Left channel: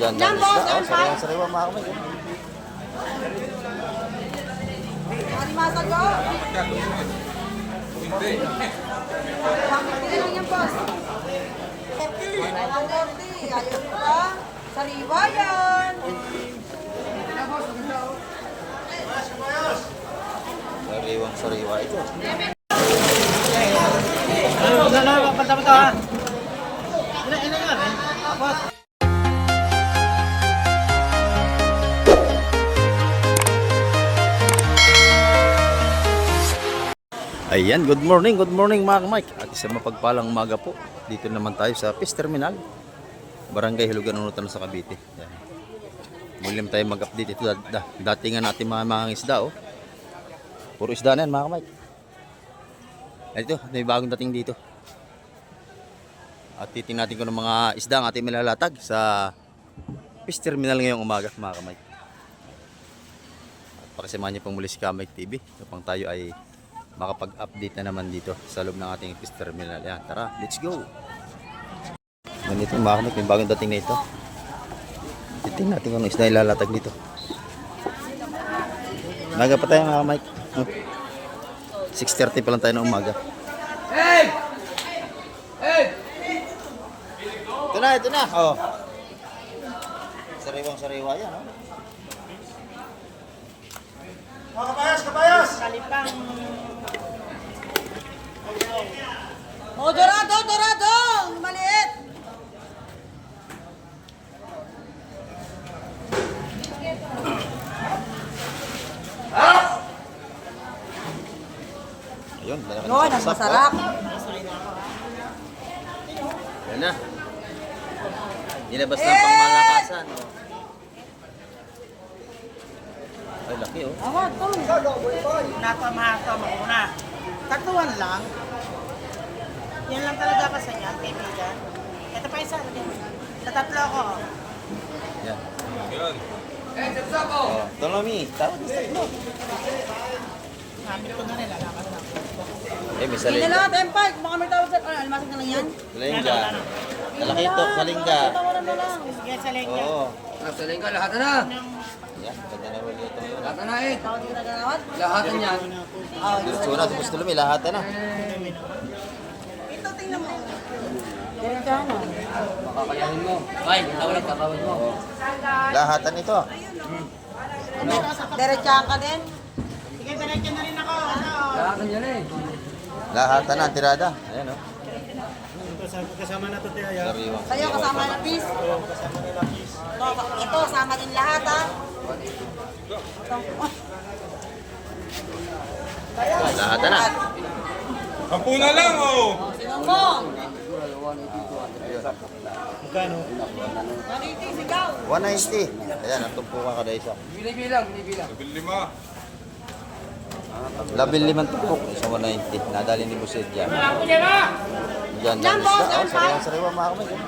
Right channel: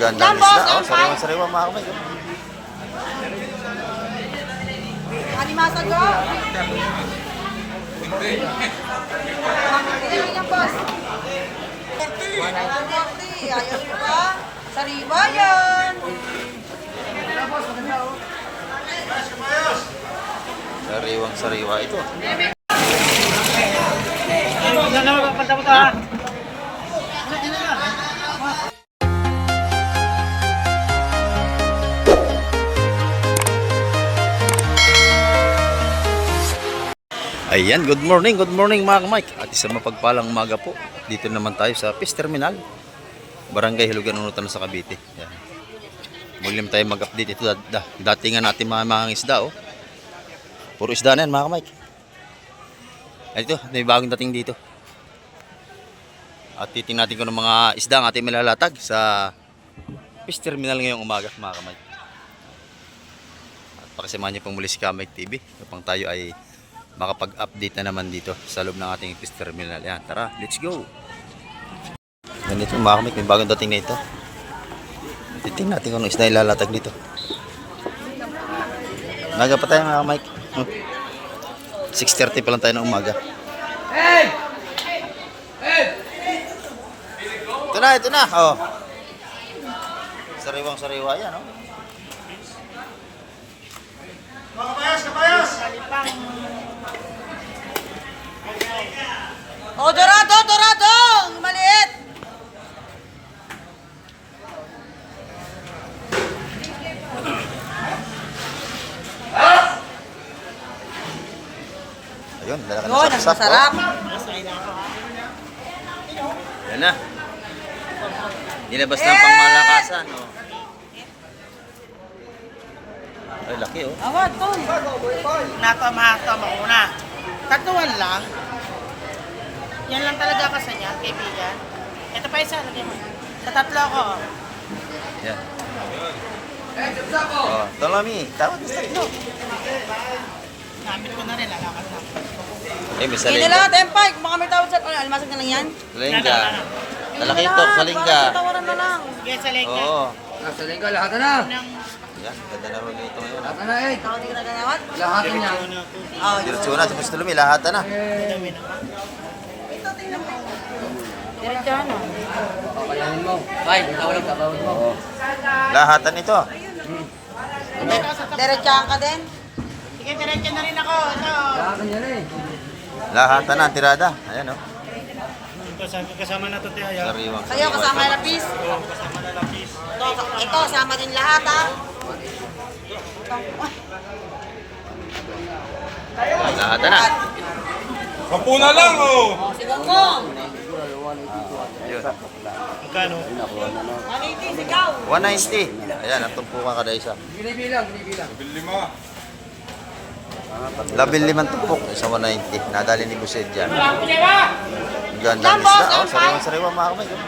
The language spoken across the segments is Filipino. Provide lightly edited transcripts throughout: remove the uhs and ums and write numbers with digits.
Gandang isda. Oh, sariwa-sariwa mga kamay. Animasa ko? Ilan yung boss? 140. Ayaw ko ba? Sariwa yan. Sariwang-sariwa ito. Ayan, good morning mga kamike. At isang mapagpalang umaga po. Dito naman tayo sa Fish Terminal, Barangay Hilugan, Unutan sa Cavite. Ayan. Muli tayo mag-update ito. Datingan natin mga isda. Oh. Puro isda na yan mga kamike. Ito, may bagong dating dito. At titingnan natin kung ng mga isda ang ating malalatag sa Fish Terminal ngayong umaga mga kamike. At pakisamahan niyo pong muli si Kamike TV upang tayo ay makapag-update na naman dito sa loob ng ating Fish Terminal. Yan, tara, let's go. Ganito mga kamik, may bagong dating na ito. Titingnan natin kung anong isda ilalatag dito. Naga pa tayo mga kamik. 6:30 pa lang tayo ng umaga. Hey! Hey! Ito na, oh. Sariwang-sariwa yan, oh. Kapayos! Oh, dorado! Ang maliit! Ayun, dala ka Yun, ng ang sap-sap, masarap. oh. Yan na. Nilabas na ang pangmalakasan, oh. Ay, laki, oh. Awad, to. Nakamata mauna. Tatuan lang. Yan lang talaga kasi niya, kaibigan. Ito pa isa, lagyan mo. Sa tatlo ko. Yan. Oh, Tolami, tawad na sa tatlo. Gamit ko na rin, lalakas na. Eh, may Hindi salinga. na lang, tempay. Baka may tawad sa... Almasag na lang yan. Salinga. Lalaki ito, salinga. Tawaran na lang. Sige, sa lengga. Oo. Sa linggo, lahat na. Yan, ganda na rin ito ngayon. Lahat na eh. Tawad ko na ganawat. Lahat niya. Oh, Diretso na, tapos Tolami, lahat na. ito, tingnan mo. Diretso ano? Papayahin mo. Ay, ikaw lang tatawag mo. Lahatan ito. Diretsahan ka din. Sige, diretso na rin ako. Ano? Lahat niya na eh. Lahatan na, ang tirada. Ayan, oh. Kasama na ito tayo. Sariwang Sa'yo, kasama yung lapis. Oo, kasama na lapis. Ito, kasama din lahat, ha? Lahatan na. 10 na lang, oh! Si Bongbong. Ayun. Magkano? 190. Ayan, ang tumpukan kada isa. Binibilang. Bili mo. 15 tumpok, isa 190. Nadali ni Buset dyan. Ang ganda ng isda. Oh, sariwang-sariwa mga kamay. Oh.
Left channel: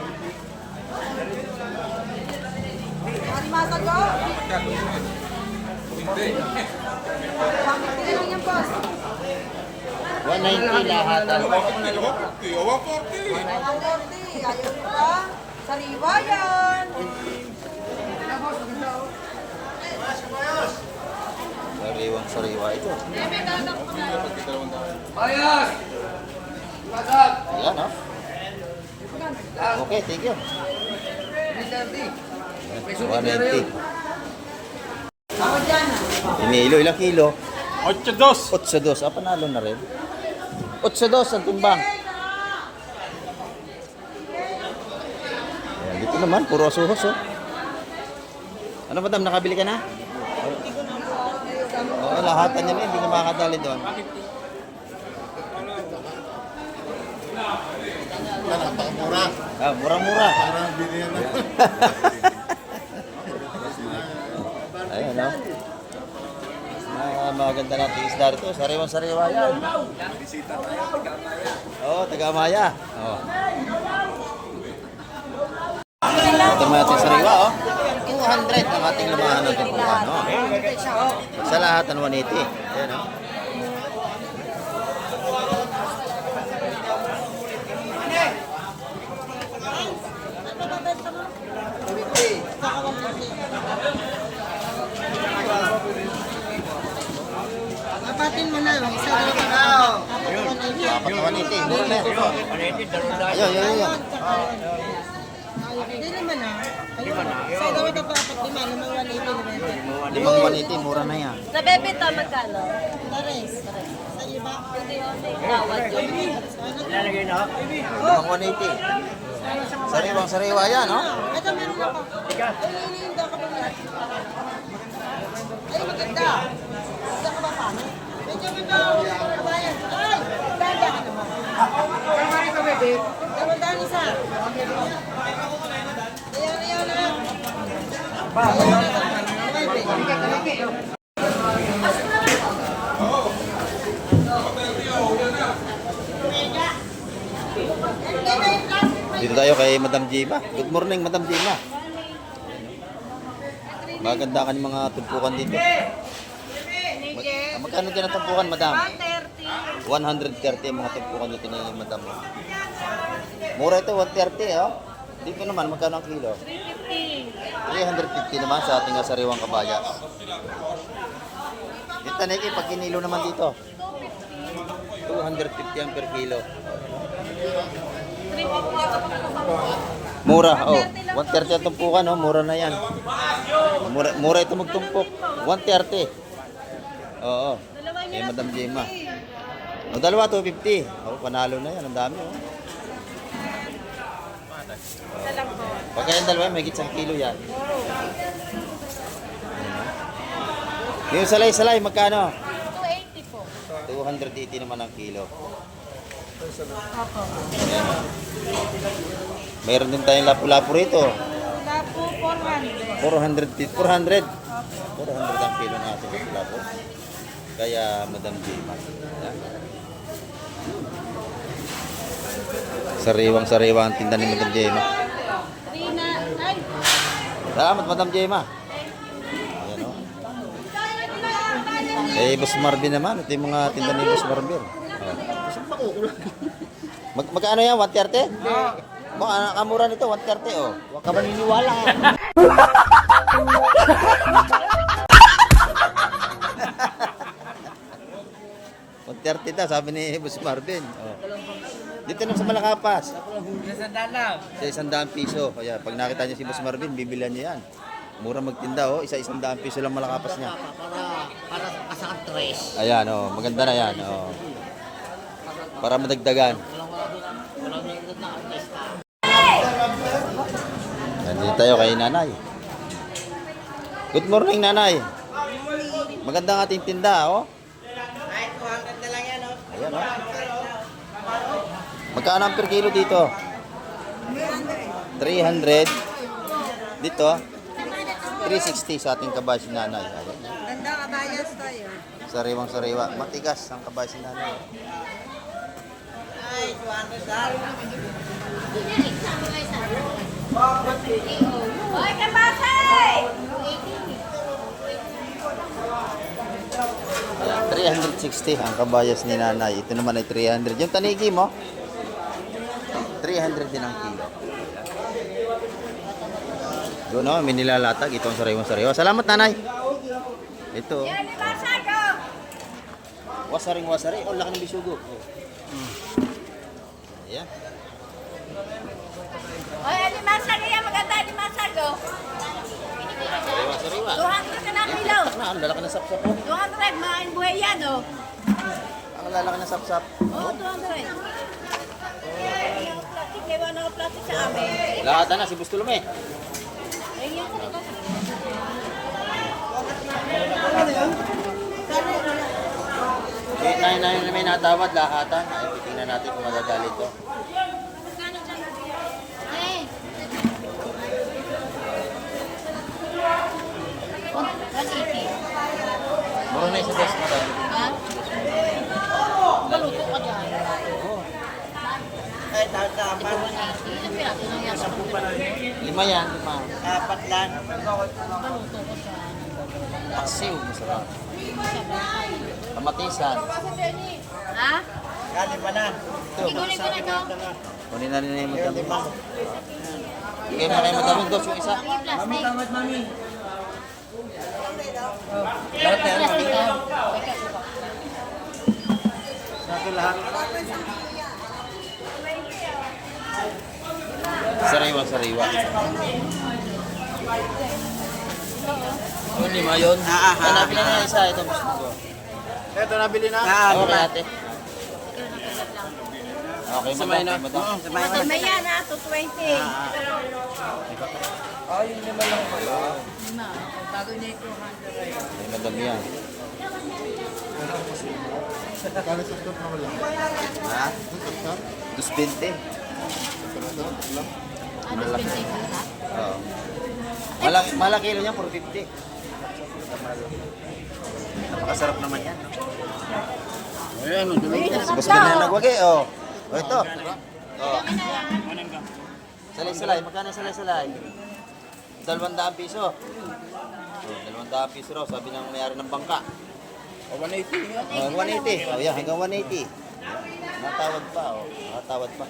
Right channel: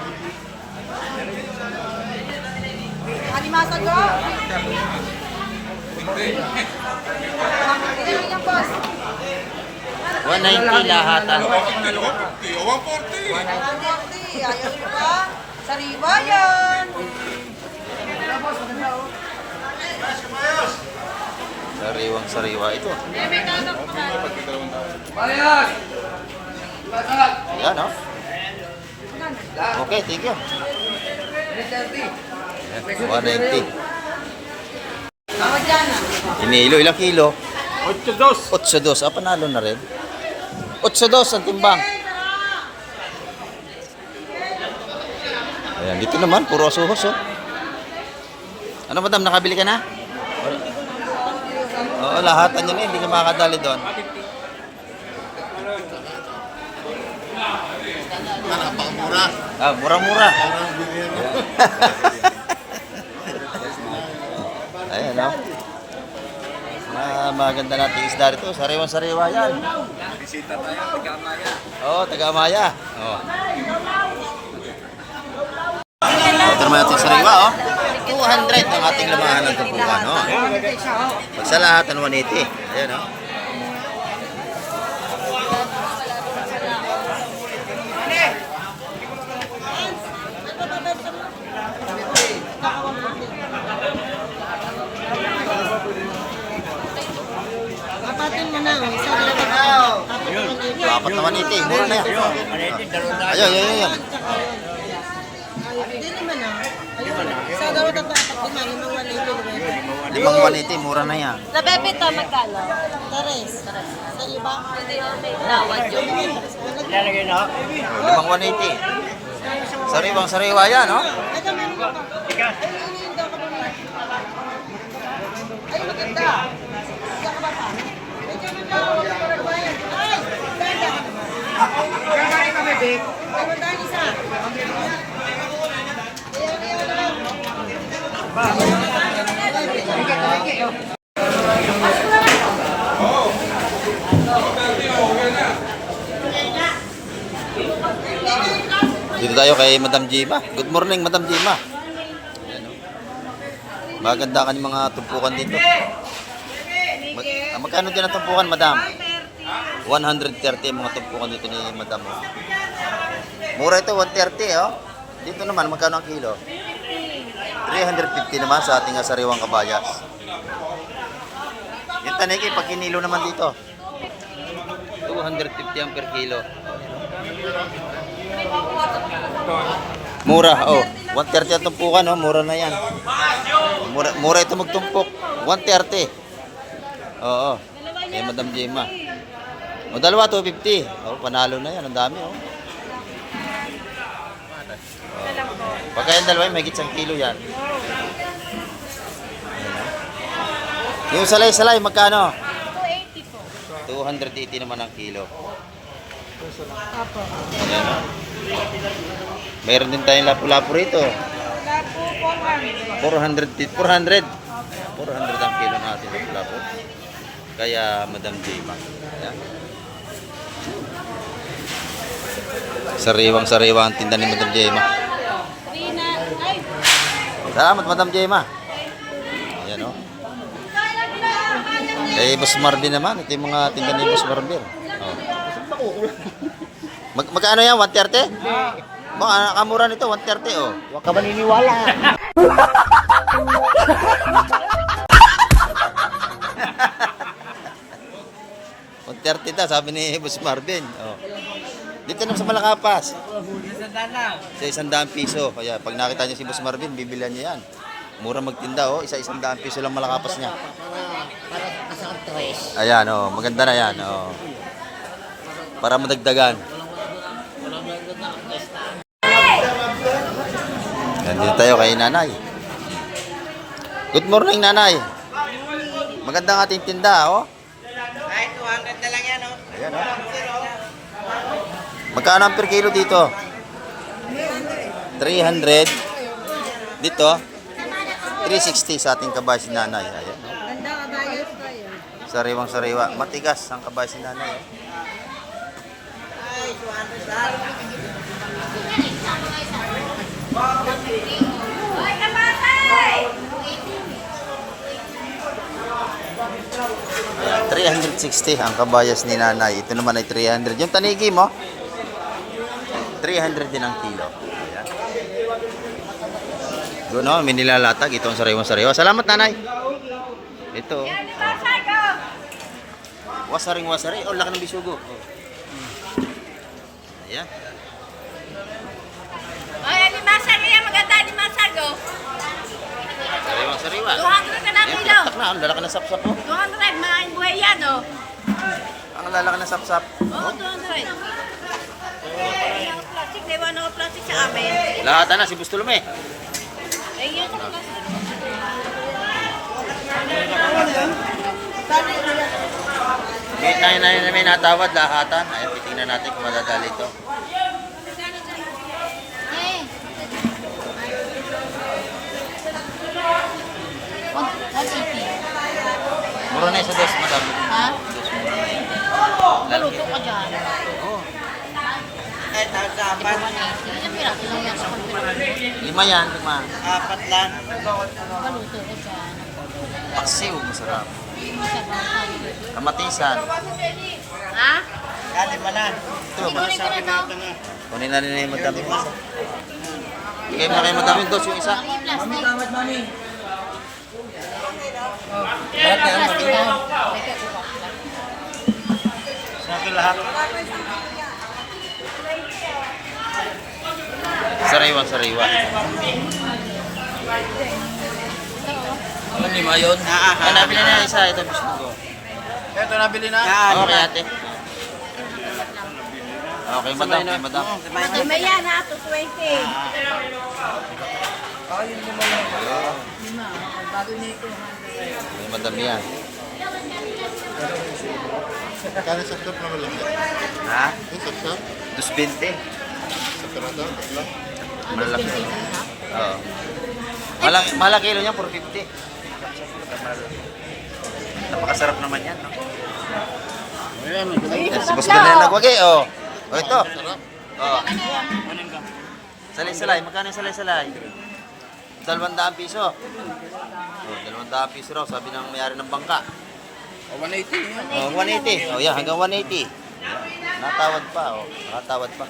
Animasa ko? Ilan yung boss? 190 lahatan. 140. 140. Ayaw ko ba? Sariwa yan. Sariwang-sariwa ito. Bayas! Lahat! Ayan, oh. Okay, thank you. 190. Tawad dyan, ha? Inilo, ilang kilo? 8-2. 8-2. Ah, panalo na rin. 8-2 ang timbang. Ayan, dito naman, puro asuhos, oh. Ano madam, nakabili ka na? Oo, lahatan yan eh, hindi ka makakadali doon. Ah, murang-mura. Ayan, oh. Maganda natin isda rito. Sariwan-sariwa yan. Oo, taga-Amaya. Oo. Ito naman ating sariwa, oh. 200 ang ating lamahan ng tumpukan, oh. Pag sa lahat, 180. Ayan, oh. apat na 180. Mura na yan. Ayun, ayun, ayun. Hindi naman Sa gawin na patat, Limang 180, mura na yan. Sa bebenta, magkano? Tares. Sa iba? Hindi na may tawad yun. Limang 180. Sariwang sariwa yan, no? Ito, meron ka pa. Ay, hindi ka pa. Ay, maganda. Hindi ka ba pa? Ay, maganda. Huwag ka pa nagbayan. Ay, banda ka naman. Kamandaan isa. Ayaw lang. Dito tayo kay Madam Jima. Good morning, Madam Jima. Maganda ka ng mga tumpukan dito. Magkano din ang tumpukan, Madam? 130 ang mga tumpukan dito ni Madam. Oh. Mura ito, 130. Oh. Dito naman, magkano ang kilo? 350 naman sa ating sariwang kabayas. Yung taniki, pag kinilo naman dito, 250 ang per kilo. Mura, oh. 130 ang tumpukan, oh. Mura na yan. Mura ito magtumpok. 130. Oo. Kaya Madam Jema. O, dalawa, 250. Oh, panalo na yan. Ang dami, oh. Pagka yung dalawa, may gitsang kilo yan. Yung salay-salay, magkano? 280 po. 280 naman ang kilo. Mayroon din tayong lapu-lapu rito. Lapo, 400 ang kilo natin lapu-lapu. Kaya Madam Jema. Ayan. Sariwang-sariwa ang tinda ni Madam Jema. Salamat, Madam Jema. Ayan, o. Eh, Boss Marvin naman. Ito yung mga tinda ni Boss Marvin. Oh. Magkano yan? 130? Baka nakamura nito, 130, oh. Huwag ka maniniwala. $130 daw, sabi ni Boss Marvin. Oh. Dito naman sa Malakapas. Sa 100 piso. Kaya pag nakita niya si Boss Marvin, bibilan niya yan. Mura magtinda, oh. 100 piso lang Malakapas niya. Para kasakang tres. Ayan, oh. Maganda na yan, oh. Para madagdagan. Yan, dito tayo kay Nanay. Good morning, Nanay. Maganda ang ating tinda, oh. Ay, 200 na lang yan, Ayan, oh. Magkano ang per kilo dito? 300. Dito, 360 sa ating kabay si Nanay. Ayan, oh. Ganda kabayas tayo. Sariwang-sariwa. Matigas ang kabay si Nanay, oh. Hoy, kabasay! Ayan, 360 ang kabayas ni Nanay. Ito naman ay 300. Yung tanigi mo, 300 din ang kilo. Ayan. Doon, no, may nilalatag. Ito ang sariwang-sariwa. Salamat, Nanay. Ito. Wasaring-wasari. Oh, laki ng bisugo. Oh. Ayan. Hoy, animasag yan. Maganda animasag, oh. Sariwang-sariwa. 200 ka na Ayan, kilo. pinaktak na. Ang lalaki ng sapsap, oh. 200, maraming buhay yan, oh. Ang lalaki ng sapsap. Oo, 200. Plastic, naiwan ako plastic sa amin. Lahat na, si Bustulume. Ayun. May natawad, lahatan. Ayan, titingnan natin kung madadali ito. Eh. Mura na isa dos, madam. Ha? Maluto ka dyan. Eh, nagkapan. Ilang piraso lang yan sa kontinent. 5 yan, 5. 4 lang. Maluto ko dyan. Paksiw, masarap. Sabaw tayo. Kamatisan. Ha? Dali pa na. Ito, Kunin ko na to. kunin na rin yung madami. Bigay mo na kayo madami dos yung isa. Mami, Salamat, mami. plastic. Okay lahat. Sariwa, sariwa. Ano, lima yun? Ah, nabili na isa. Ito gusto ko. Ito, nabili na. Okay, ate. Okay, madam. Okay, madam. Madamay yan ha, 220. Okay, madam yan. Kano sa top na wala? Ha? Sa top? 220. Sa karada? Wala? Malaki. Oo. Malaki kilo niya, 450. Napakasarap naman yan, no? Yes, si Boss Bernal nagwagi, oh. Oh, ito. Oh. Salay-salay, magkano yung salay-salay? 200 piso. Oh, 200 piso raw, sabi ng may-ari ng bangka. 180 yan. Oh, 180. Oh, yeah, hanggang 180. Natawad pa, oh. Nakatawad pa.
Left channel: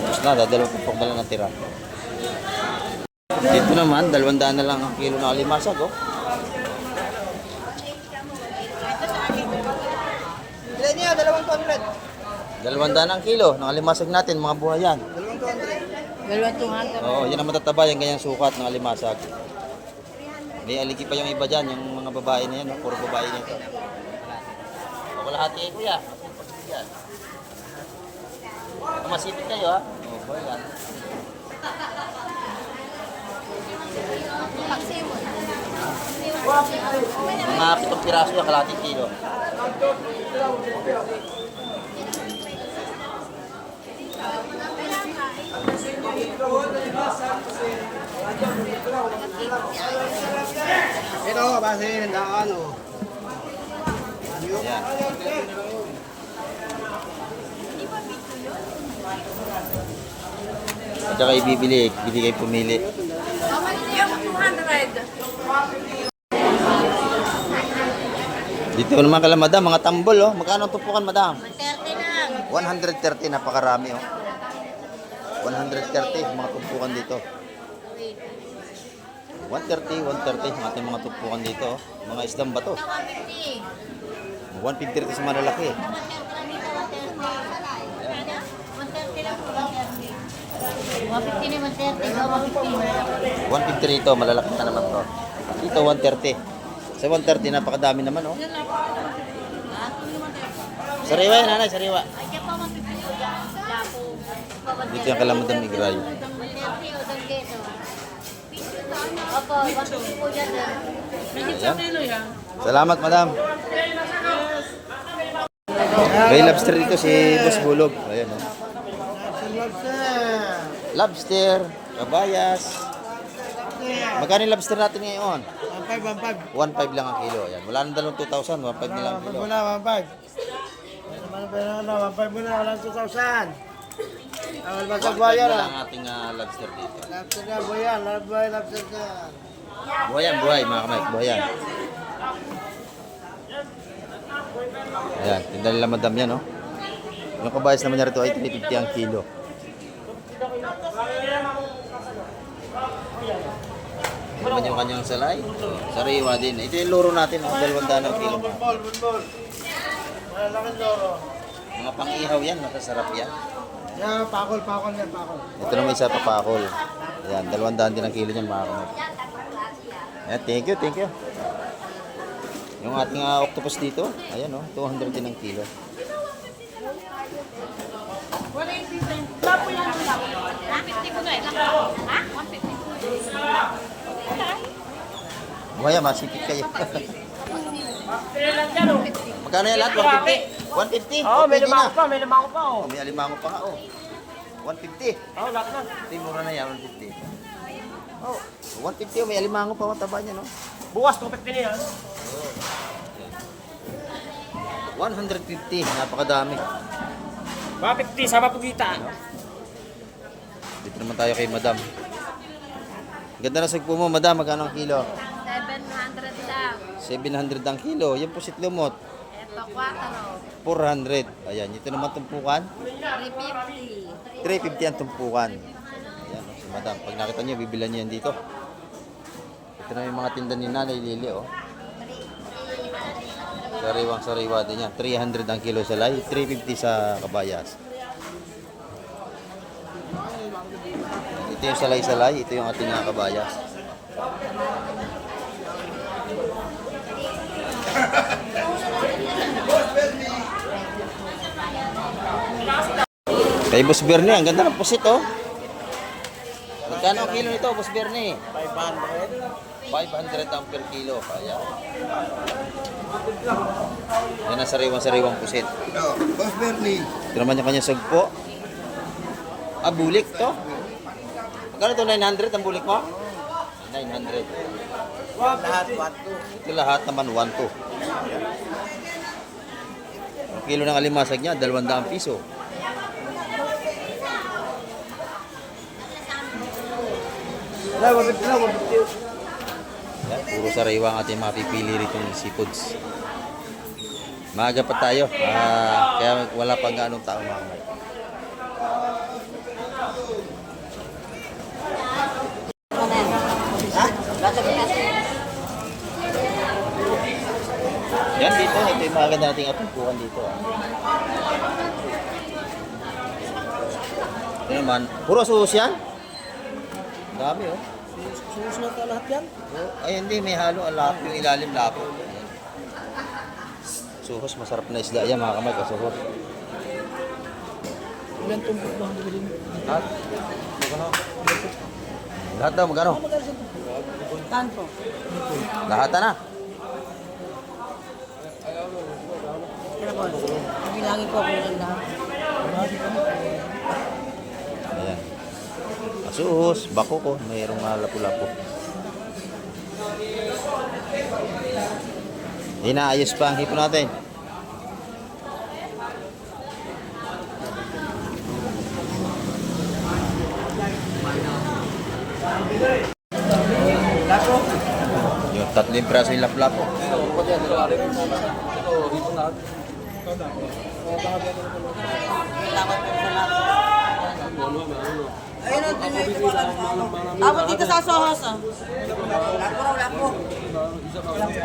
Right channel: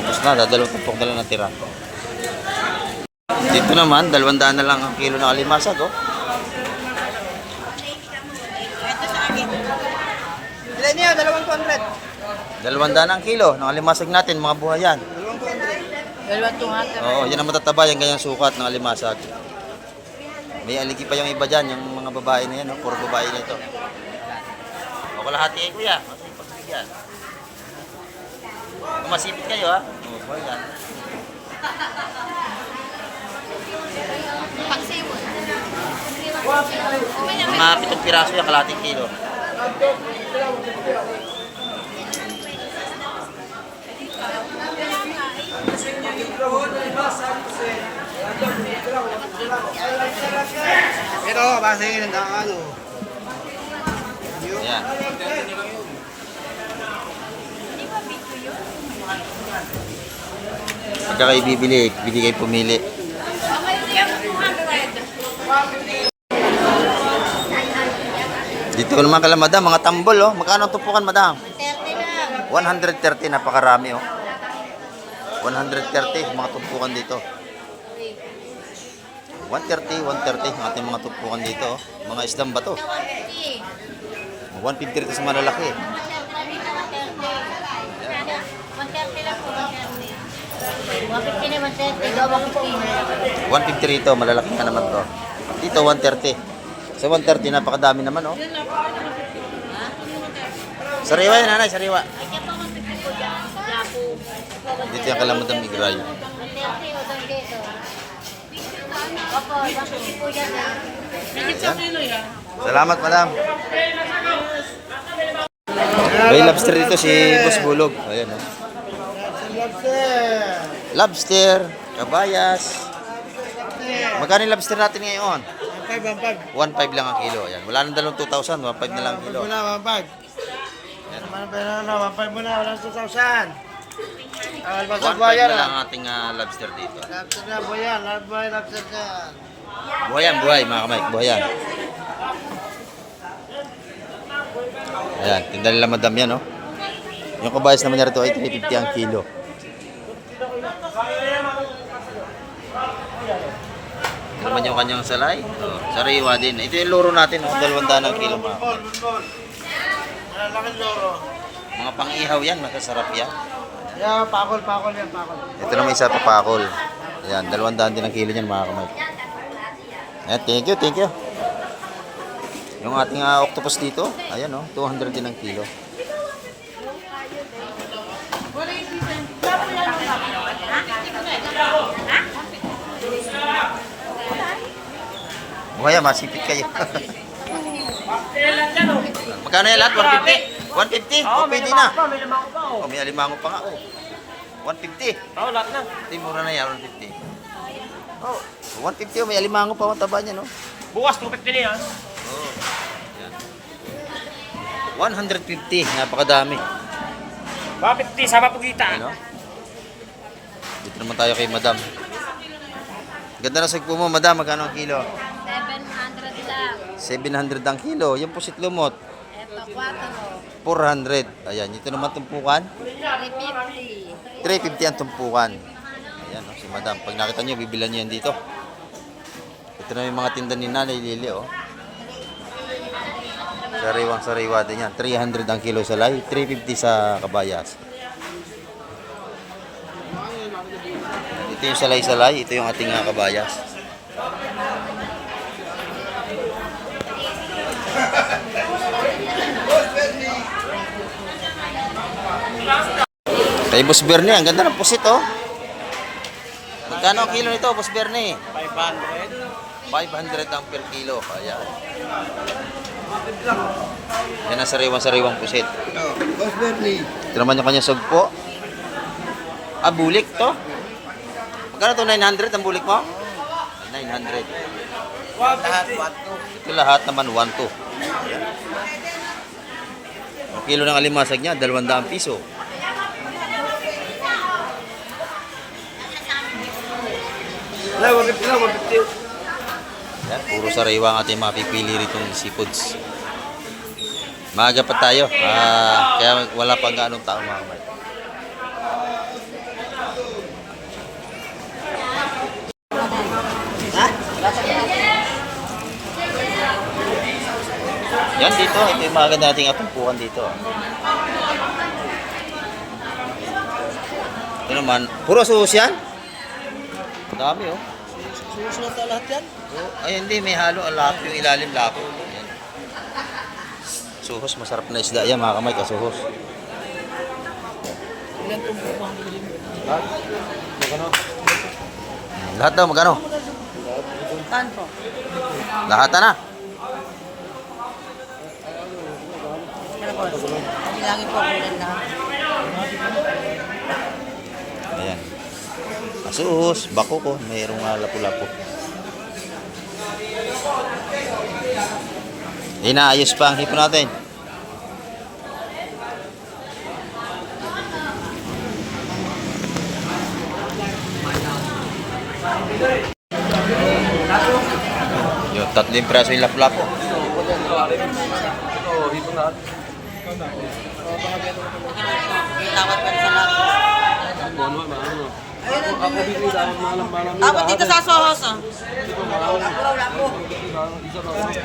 Ubus na, dadalawang tumpok na lang natira. Dito naman, 200 na lang ang kilo ng alimasag, oh. Ilan niya? 200. 200 ang kilo ng alimasag natin, mga buhayan. 200. Oo, yan ang matataba, yung ganyang sukat ng alimasag. May aligi pa yung iba dyan, yung mga babae na yan, no? Puro babae na ito. O, kalahati eh, kuya. Kasi pagbigyan. Kung masipit kayo, ha? Oo, boy, yan. Mga 7 piraso yung kalahating kilo. Ito, basingin ng ano. Ayan. Pagka kayo bibili, bili kayo pumili. Dito naman kala madam, mga tambol, oh. Magkano ang tupukan, madam? 130, napakarami, oh. 130, mga tumpukan dito. 130 ang ating mga tumpukan dito, oh. Mga isdang bato. 150 rito sa malalaki. 150 rito, malalaki na naman to. Dito 130. Sa 130 napakadami naman, oh. Sariwa yan, nanay, sariwa. Dito yung kalamadang migral. Ayan. Salamat, madam. May lobster dito si Boss Bulog. Ayan, oh. Lobster, kabayas. Magkano yung lobster natin ngayon? 1.5 lang ang kilo. Ayan. Wala nang dalawang 2,000. 1.5 na lang ang kilo. Wala, 1.5. Yan naman ang pera na, 1.5 muna, wala 2,000. 1.5 na lang ang ating lobster dito. Lobster na, buhayan, lobster na. Buhayan, buhay mga kamay. Buhayan. Ayan. Tinda nila madam yan, oh. Yung kabayas naman niya rito ay 350 ang kilo. Ito naman yung kanyang salay. Oh, sariwa din. Ito yung loro natin, oh. 200 ang kilo mga kamay. Malaking loro. Mga pang-ihaw yan, masasarap yan. Yan, pakol yan, pakol. Ito naman isa pa pakol. Ayan, 200 din ang kilo niyan mga kamay. Ayan, thank you. Yung ating octopus dito, ayan, oh, 200 din ang kilo. Buhaya, masipit kayo. Magkano yan lahat? 150? 150? Oh, pwede na. Oh, may alimango pa nga, oh. 150. Oo, lahat na. Hindi, mura na yan, 150. Oh, 150, oh, may alimango pa, mataba niya, no? Bukas, 250 na yan. Oh, yan. 150, napakadami. 150, sama po kita. Ano? Dito naman tayo kay madam. Ganda na sagpo mo, madam. Magkano ang kilo? 700 lang. 700 ang kilo. Yung pusit lumot, Ito, 400. Ayan, ito naman tumpukan. 350. 350 ang tumpukan. Ayan, oh, si Madam. Pag nakita nyo, bibilan nyo yan dito. Ito na yung mga tinda ni Nanay Lili, oh. Sariwang-sariwa din yan. 300 ang kilo sa lay, 350 sa kabayas. Ito yung salay-salay, ito yung ating kabayas. Kay Boss Bernie, ang ganda ng pusit, oh. Magkano ang kilo nito, Boss Bernie? 500. 500 ang per kilo. Ayan. Yan ang sariwang-sariwang pusit. Boss Bernie. Ito naman yung kanyang sugpo. Ah, bulik to. Magkano to? 900 ang bulik mo? 900. Ito lahat naman 1-2. Ang kilo ng alimasag niya, 200 piso. Yan, puro sariwa ang ating mapipili rito ng seafoods. Maaga pa tayo, kaya wala pang ganong tao mga kamay. Yan dito, ito yung mga ganda nating atumpukan dito. Ito naman, puro suhos yan? Ang dami oh. Susunod na lahat yan. Oh, ay hindi, may halo alap, yung ilalim lapo. Yan. Suhos, masarap na isda yan mga kamay, kasuhos. Ilan tumpok ba ang bilhin mo? Lahat daw, magkano? Saan po? Lahat na. Bilangin po kung ilan lahat. Ayan. Kasuhos, bako ko, mayroong lapu-lapu. Inaayos pa ang hipon natin. Yung 3 praso yung lapu-lapu. Tawad ka sa lahat. Tawad dito sa Sohos, ah.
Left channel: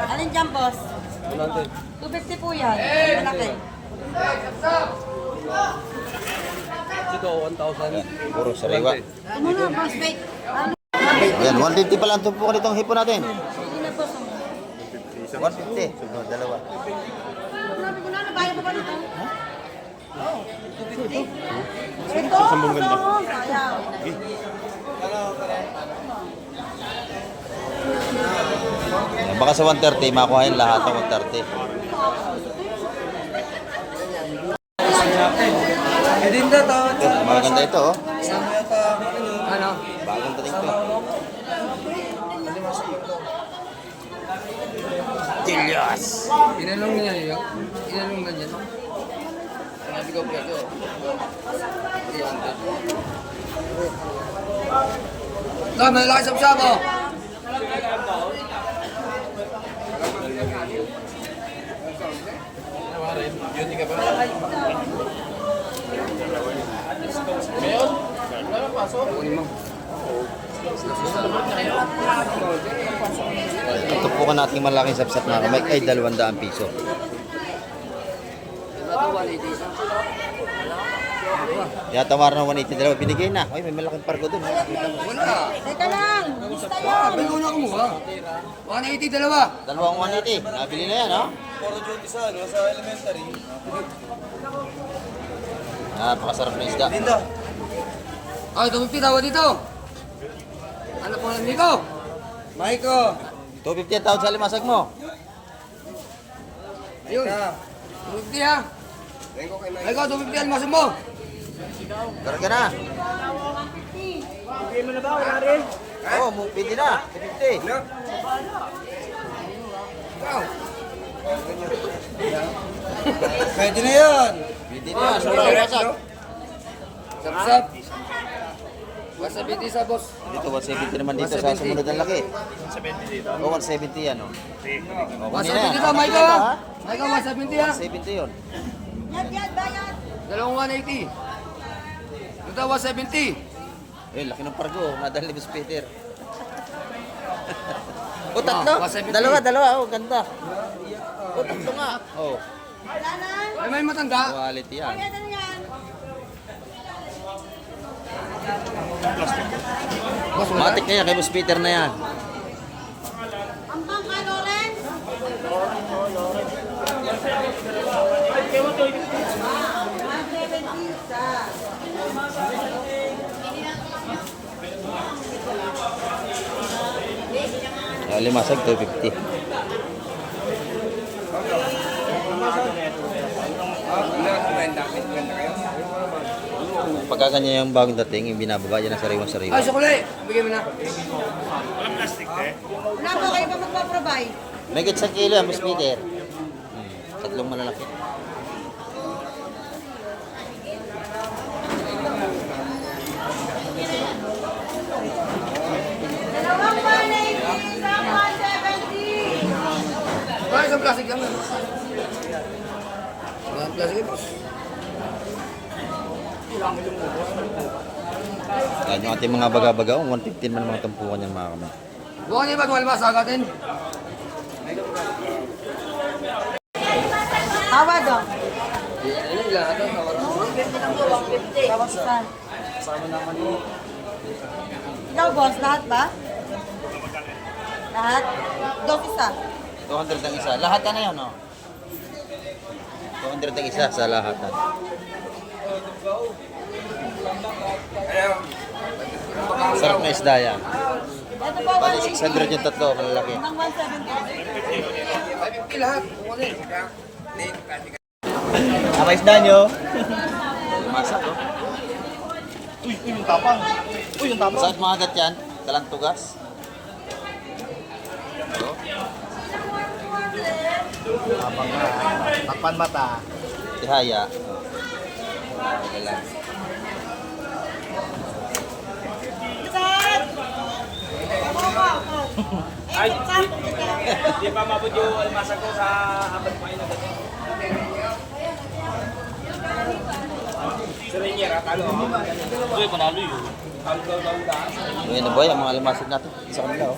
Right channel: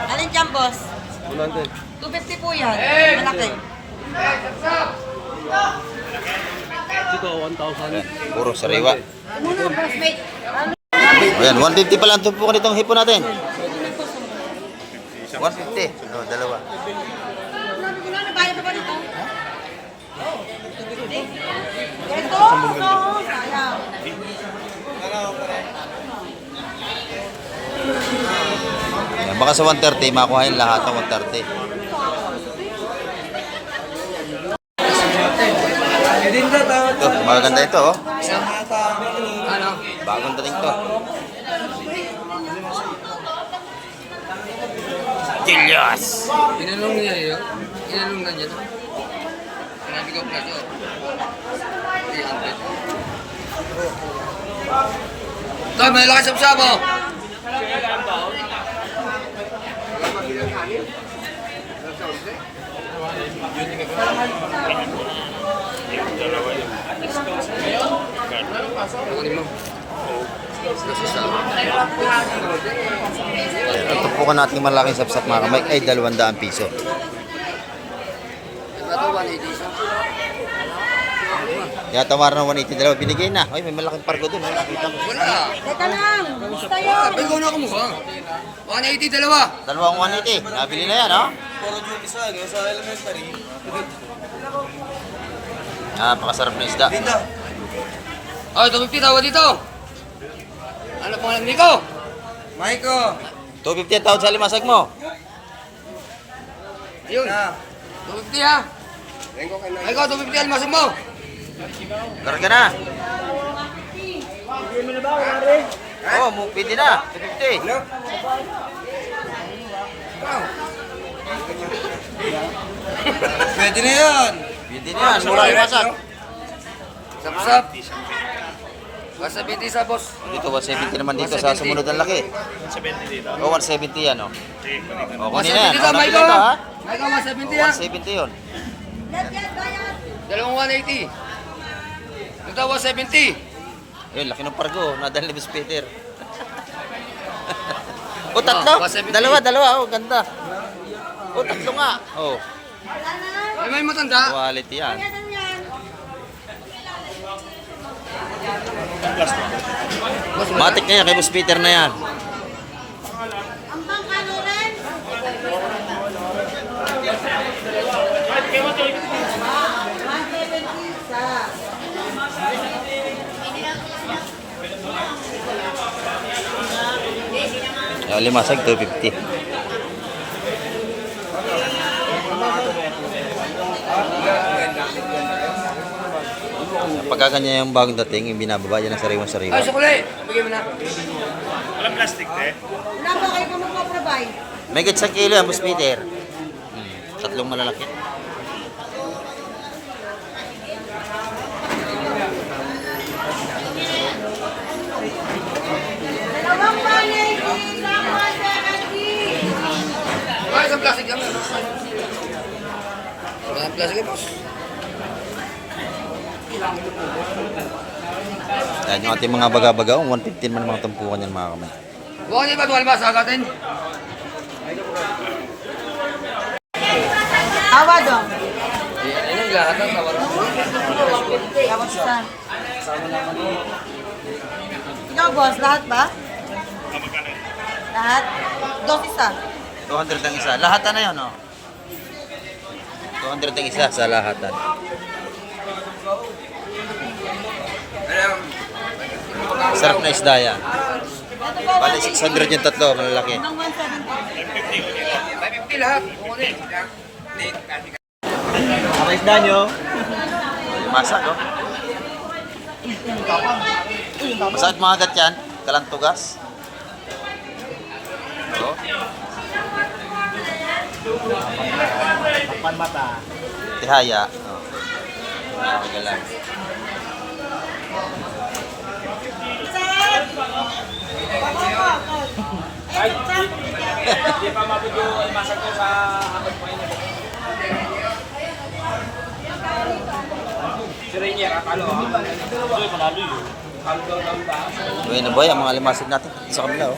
Alin dyan, boss? 250 po yan. Malaki. Puro sariwa. Ano na, boss? Wait. Ayan, 150 pa lang tumpukan itong hipon natin. 150. Oh, dalawa. Ano ba ba dito? Ito? Ayan, baka sa 130, makuhain lahat ng 130. Ito, maganda ito, oh. Bagong dating to. Tilyas! Inanong niya yun. Inanong na niya. Sinabi ko presyo. 300. Ito, may lakas sa mo. Ang tumpukan nating malaking sapsap mga kamay ay 200 piso. Kaya tawar ng 180 dalawa, binigay na. Ay, may malaking pargo dun. Nakita mo. Teka lang. Gusto yun. Abay ko na ako mo. 180 dalawa. Dalawang 180. Nabili na yan, oh. Napakasarap na isda. Oh, 250 tawa dito. Ano po alam Nico? Maiko. 250 ang tawad sa limasag mo. Ayun. 250 ha. Maiko, 250 ang masok mo. Karga na. Pwede mo na ba, Wari? Oo, pwede na. 250. Pwede na yun. Pwede na yan. Mura yung masag. Sap-sap. Wasabiti sa boss. Dito, 170 naman dito sa sumunod ang laki. 170 dito. O, 170 yan, oh. O, kunin na yan. Dito, O, Maiko. nakita ha? Maiko, 170 O, ha. 170 yun. Dalawang 180. Ito, 170. Ayun, laki ng pargo. Nadal ni Boss Peter. O, tatlo. Dalawa. Oh, ganda. O, tatlo nga. Oh, Ay, may matanda. quality yan. Matik na yan, kay Boss Peter na yan. Limasag, 250. Pagka kanya yung bagong dating, yung binababa, yan ang sariwa-sariwa. Ay, sukuli. Bigyan mo na. Wala ba kayo pa magpaprovide? May gits kilo yan, Boss Peter. Tatlong malalaki. Dalawang panay, isang 170. Ay, isang plastic yan. Isang plastic yan, boss. Yan yung ating mga baga-baga. 115 man ang mga tampukan yan, mga kamay. Bukan niya ba tumalabas sa agatin? Tawa dong. Yan yung lahat ng tawad. Tawag sa. Ikaw, boss, lahat ba? Lahat? Dos isa. 200 ang isa. Lahatan na yun, oh. 200 ang isa sa lahatan. Sarap na isda yan. Ito ba, Bali, 600 yung tatlo, malalaki. ng 170. 550 lahat. Ang isda nyo? Masag, oh. Masakit mga agat yan. Kalantugas. Oh. Takpan mata. Tihaya. Oh. Magalang. Di pa mabot yung almasag ko sa abad pa ina dito. Si Rainier, talo ha? Hindi, panalo yun. Talo daw da. Buhay na buhay ang mga limasag natin sa kabila, oh.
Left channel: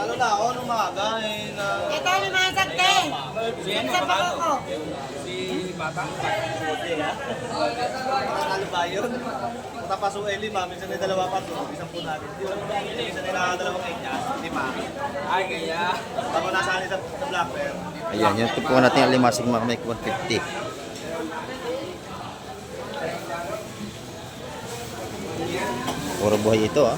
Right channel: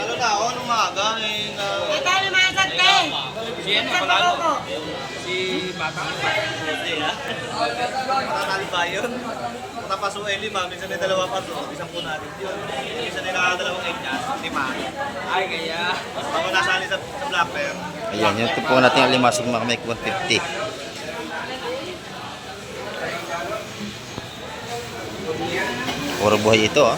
Ano na ako nung maaga may Ikaw naman sa 10. Sa ko. si Bata. Ano ba yun? Tapos yung Eli, mami, minsan may dalawa pa to, isang po natin. Minsan may nakadalawang 8 niya, 5. Ay, kaya. Ako nasali sa Black Bear. Ayan, yung tipo natin ang limasag mga kamay, 150. Puro buhay ito, ah.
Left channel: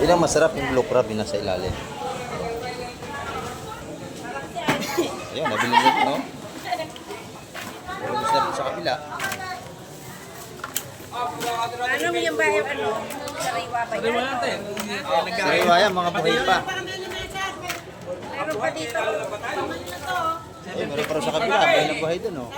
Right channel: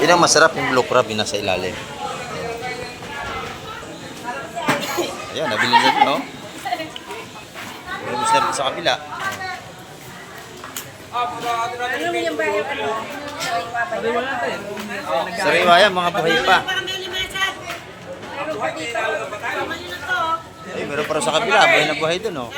Yun ang masarap yung blue crab yung nasa ilalim. Ayan, nabili na ito, no? Puro gusto na sa kabila. Ano mo yung bahay ano? Sariwa yan, mga buhay pa. Eh, meron pa rin sa kabila, buhay na buhay dun, oh.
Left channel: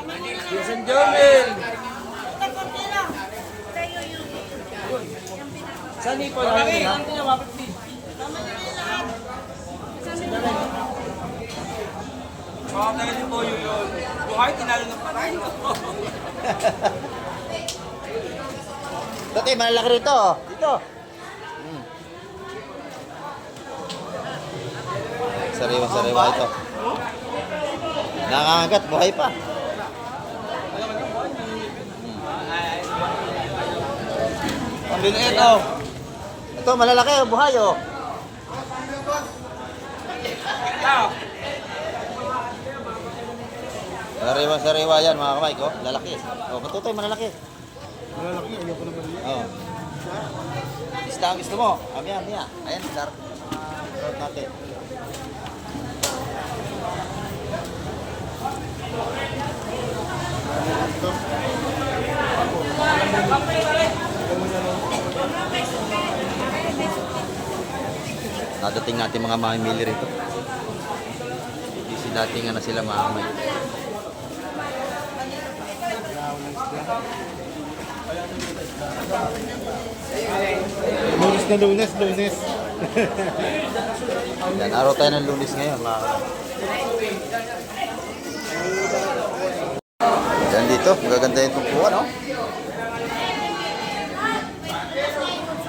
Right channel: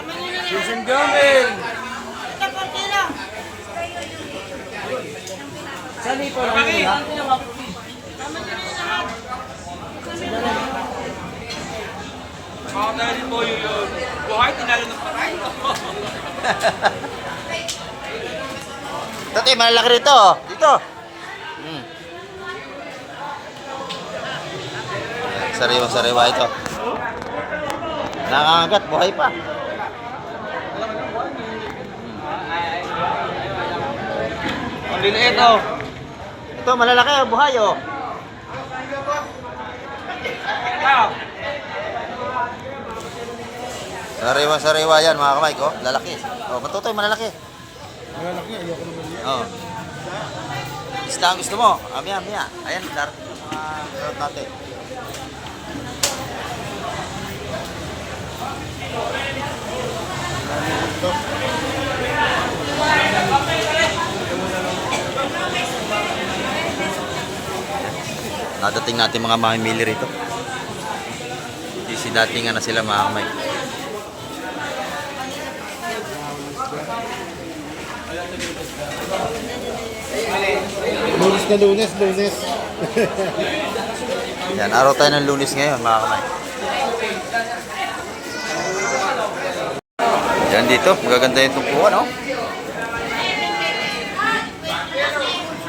Tatay, malalaki rito, oh. Dito. Sariwa-sariwa ito. Nangangagat, buhay pa. Ang liliit, oh. Ito, malalaki, oh, buhay, oh. Sariwa-sariwa yan, mga kamay ko. Lalaki. Oh, matutoy, malalaki. Malalaki, ayoko naman yan. Oh. Isda ang gusto mo. Amya. Ayan, darating ng mga road natin. Nadating natin mga mamimili rito. Datingan na sila mga kamay. Lunes na lunes. Yan, araw tayo ng Lunes ngayon, mga kamay. Yan dito, magaganda yung tumpuan, no?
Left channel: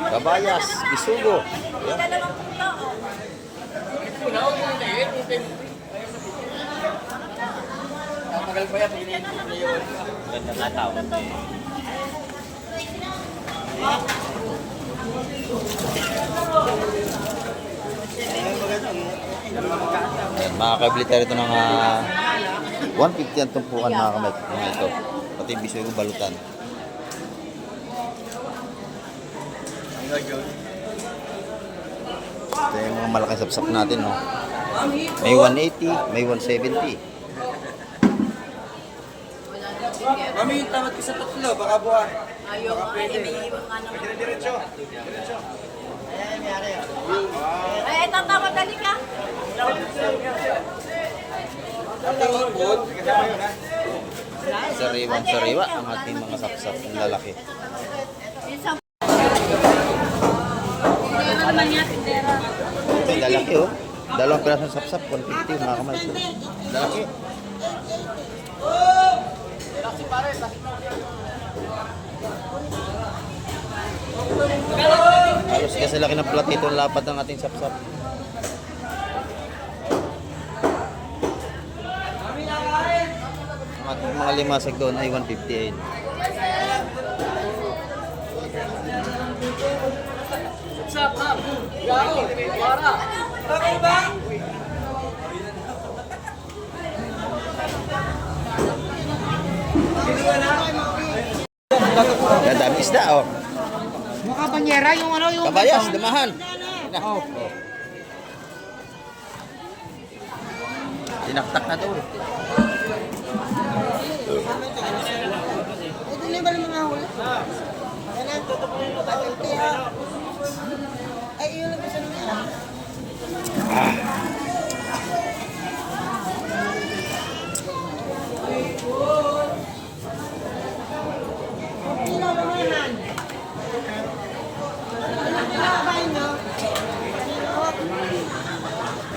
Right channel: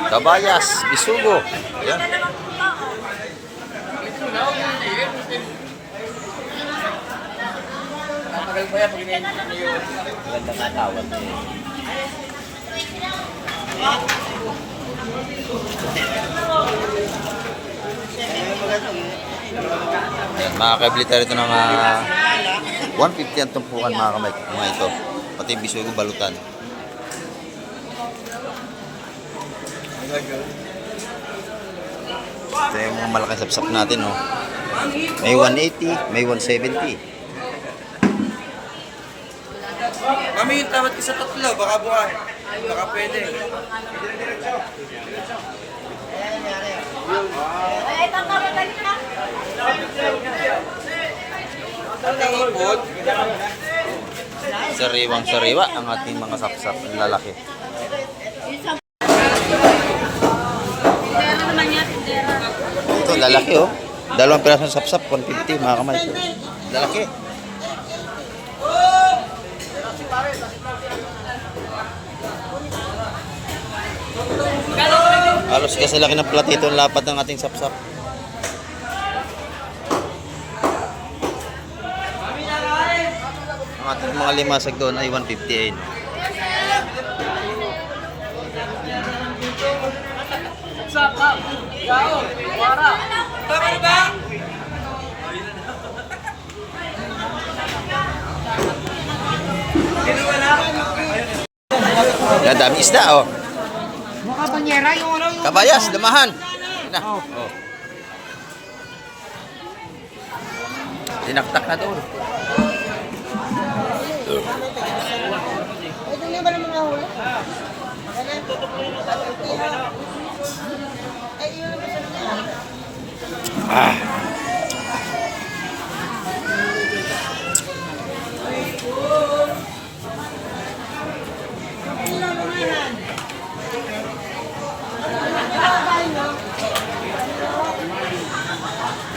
Kabayas, Bisugo. Yan. Yan, makakabili tayo ito ng 150 ang tumpukan, mga kamay. Mga ito. Pati yung Bisugo balutan. Ito yung mga malaking sapsap natin, no? May 180, may 170. Mami, yung tawad ko sa tatlo, baka buwan. Baka pwede. Ay, tatawag ka ka. Sariwang sariwa ang ating mga sapsap ng lalaki. Ito, lalaki, oh. Dalawang pirasong sapsap, 150, mga kamay. Lalaki. Halos kasi laki ng platito ang lapad ng ating sapsap. Ang ating mga limasag doon ay 150 no? Yan, dami isda, oh. Mukha banyera yung ano yung... Kabayas, damahan. Yan na. Oh. Dinaktak na doon. Ito na ba naman ako? Ay, iyon na ba sa nila?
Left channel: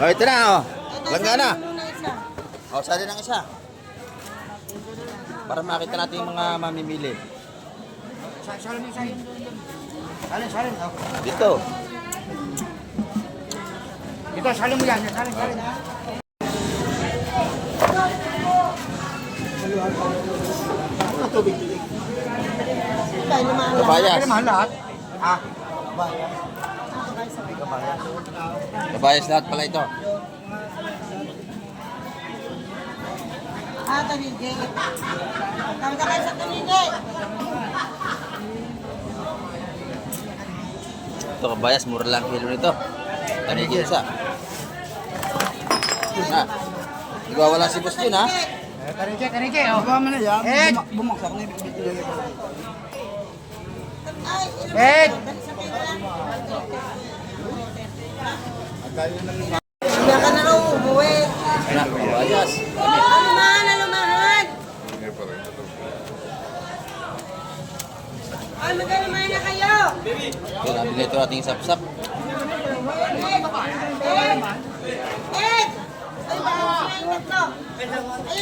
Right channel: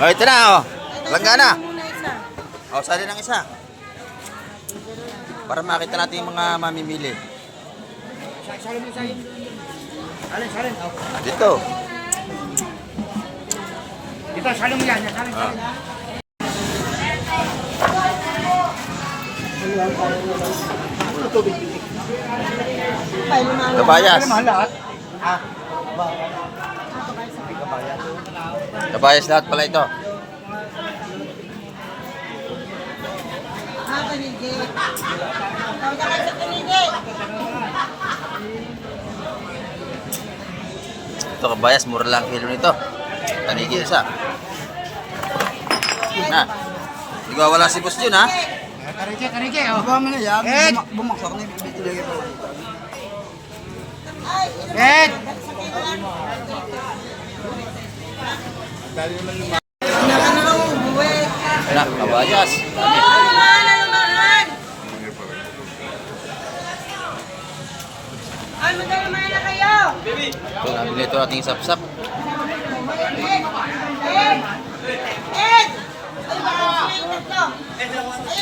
Oh, ito na, oh. Langga na. Muna isa. Oh, sali ng isa. Para makita natin yung mga mamimili. Dito. Dito, salin mo yan. Salin, salin. Ay, lumahan. Kabayas. Kabayas lahat pala ito. Ah, kanige. Tawag ka kayo sa kanige. Ito, kabayas, mura lang kilo nito. Tanigi isa. Na. Hindi ko wala si boss yun, ha? Kanige, kanige. Oh. Baka mo na yan, bumaksak na yung bibigyan ko. Ed! Na, kabayas. Dami. Lumahan. Ay, magkalaman na kayo. Ito, nabili ito ating sapsap. Ed! Ed! Ed! Ay, baka ay, tatlo. Ay,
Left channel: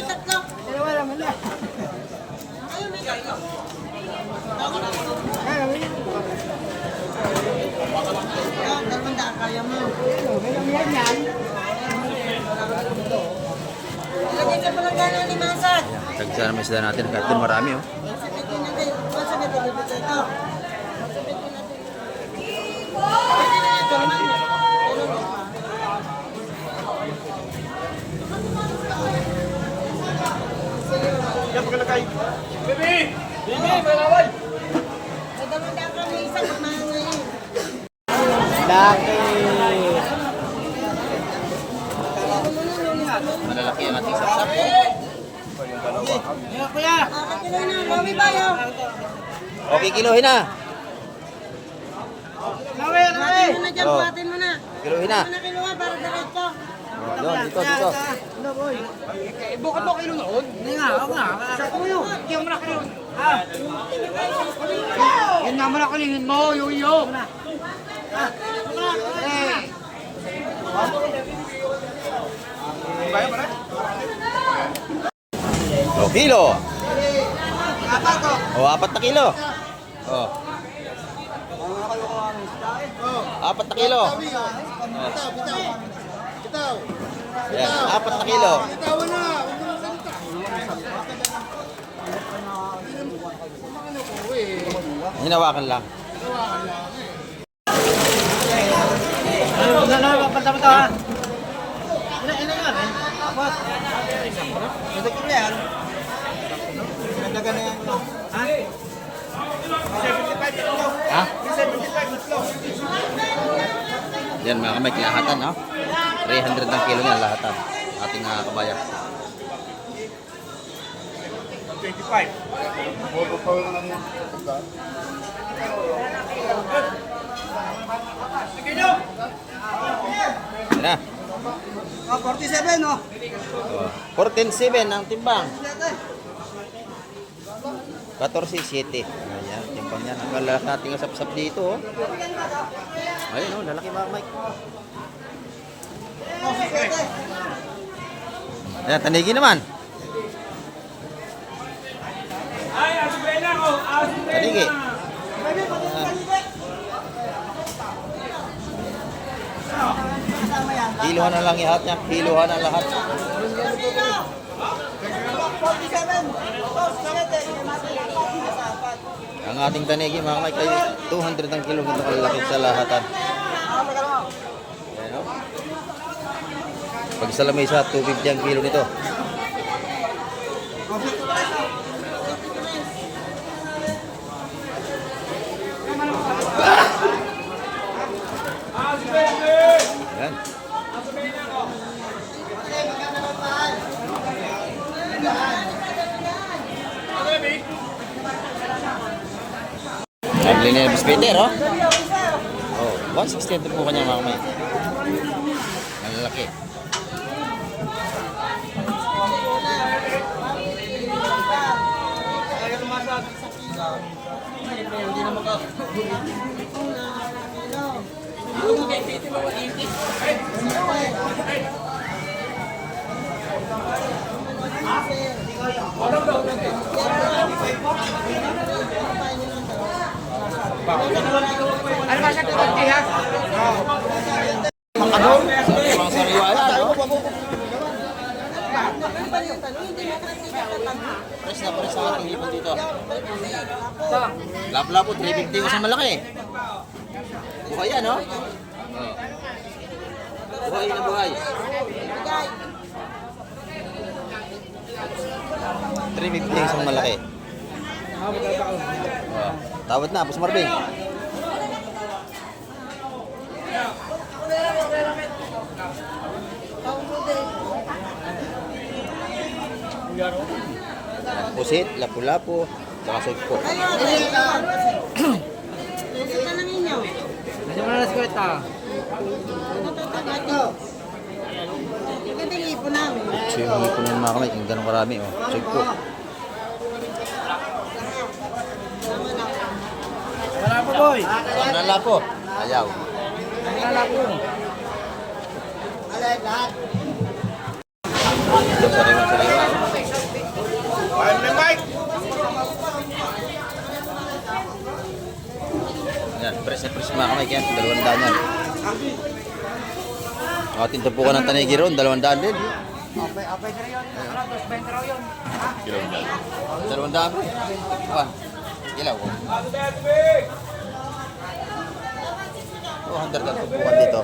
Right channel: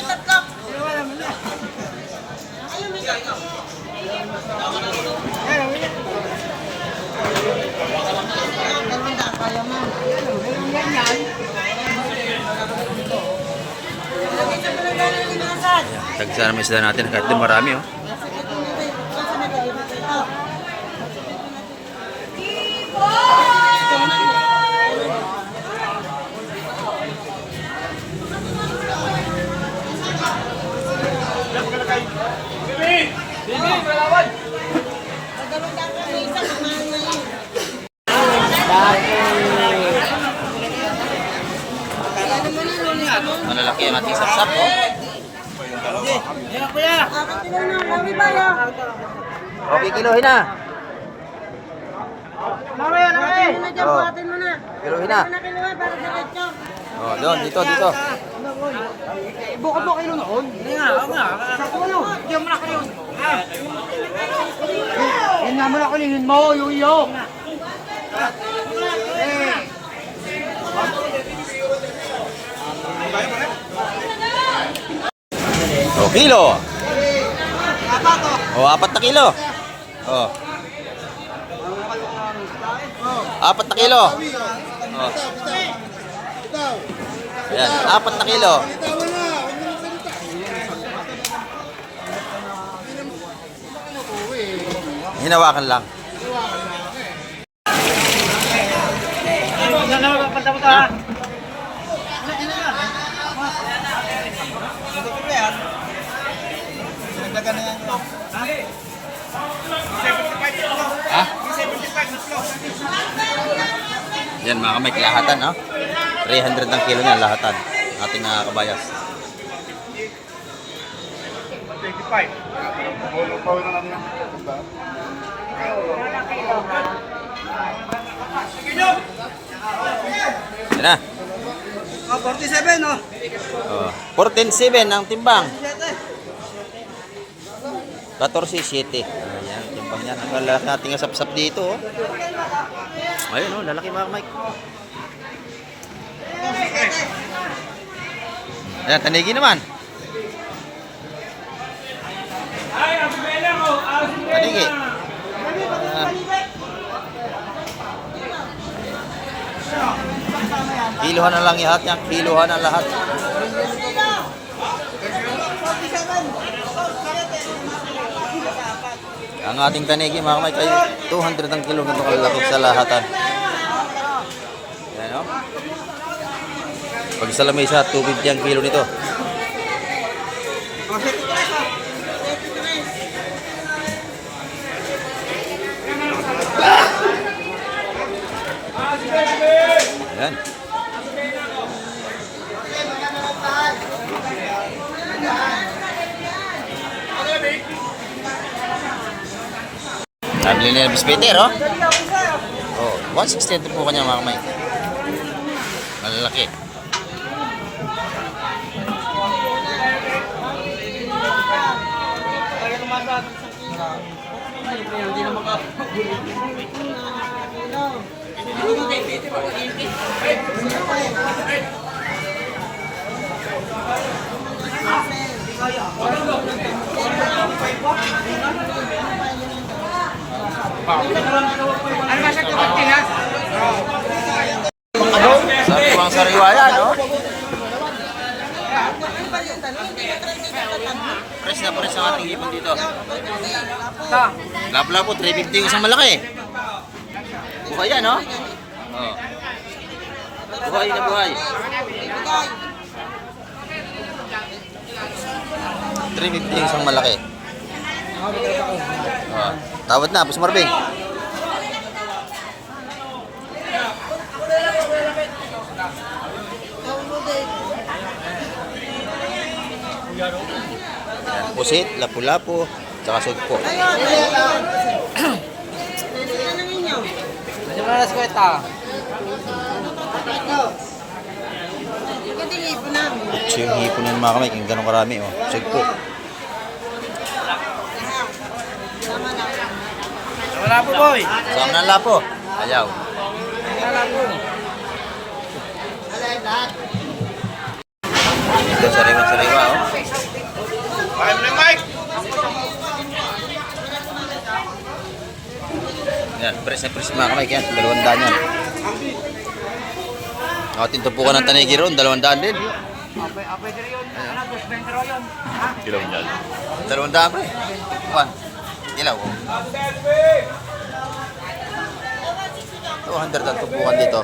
tatlo. Ay, may tatlo. Kaya mo. Yan yan. Lagay sa palagay ng limasan. Tagsa naman isda natin kahit doon marami, oh. Malalaki ang ating sapsap, oh. Okay, kilohin na. Oh. Kilohin na. Oh, doon, dito. Bukod mo kayo noon? Hindi nga, ako nga. Sako mo yun. Hindi mo na kayo. Yan nga mo na kulingin mo, yung. O, kilo. O, 4 na kilo. O. 4 na kilo. O. Ayan, 4 na kilo. Hinawakan lang. Yan mga kamay, lahatan, no? 300 ang kilo niya, lahatan. Ating kabayas. 25. Yan na. Oh, 47, no? Oh, 14.7 ang timbang. 14.7. Ayan, timbang yan. Ang lalaki nating asap-sap dito. Oh. Ayun, oh, lalaki mga Mike. Ayan, tanigi naman. Tanigi. Kiluhan na lang lahat niya. Kiluhan na lahat. Ang ating tanigi mga kamay ay 200 ang kilo nito kalalaki sa lahatan. Yan o. Pag sa lamesa, 250 ang kilo nito. Yan. Nabili na yung bispeter, oh. Oh, 160 ito po kanya mga kamay. Malalaki. Sariwang sariwa yan, no? Press na press ang ating ipon dito. Lapo-lapo, 350 yung isang malaki. Buhay yan, no? Oh. Buhay na buhay. 350 yung isang malaki. Oh. Tawad na, Boss Marvin. Pusit, lapu-lapu, tsaka sugpo. Ito yung hipon ng mga kamay, kung gano'ng karami, oh. Sugpo. Wala po, boy. Saan na lapo? Ayaw. Ito sariwa-sariwa, oh. Yan, press na press mga kamay, yan, 200 yan. Atin tupukan ng tanigi ron, 200 din. Kilaw yan. 200 pre. Kuhan. Kilaw, oh. 200 ang tupukan dito.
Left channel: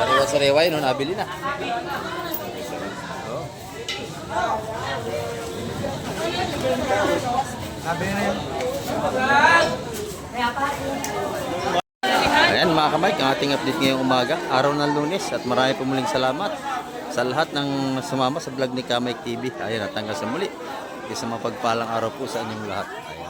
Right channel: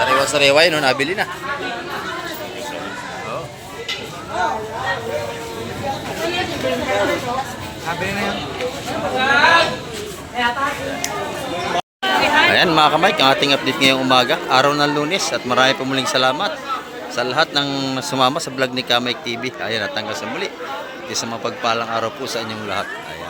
Sariwa-sariwa yun, no? Nabili na. Oh. Ayan mga kamay, ang ating update ngayong umaga, araw ng Lunes, at marami po muling salamat sa lahat ng sumama sa vlog ni Kamay TV. Ayan, at hanggang sa muli, isang mapagpalang araw po sa inyong lahat. Ayan.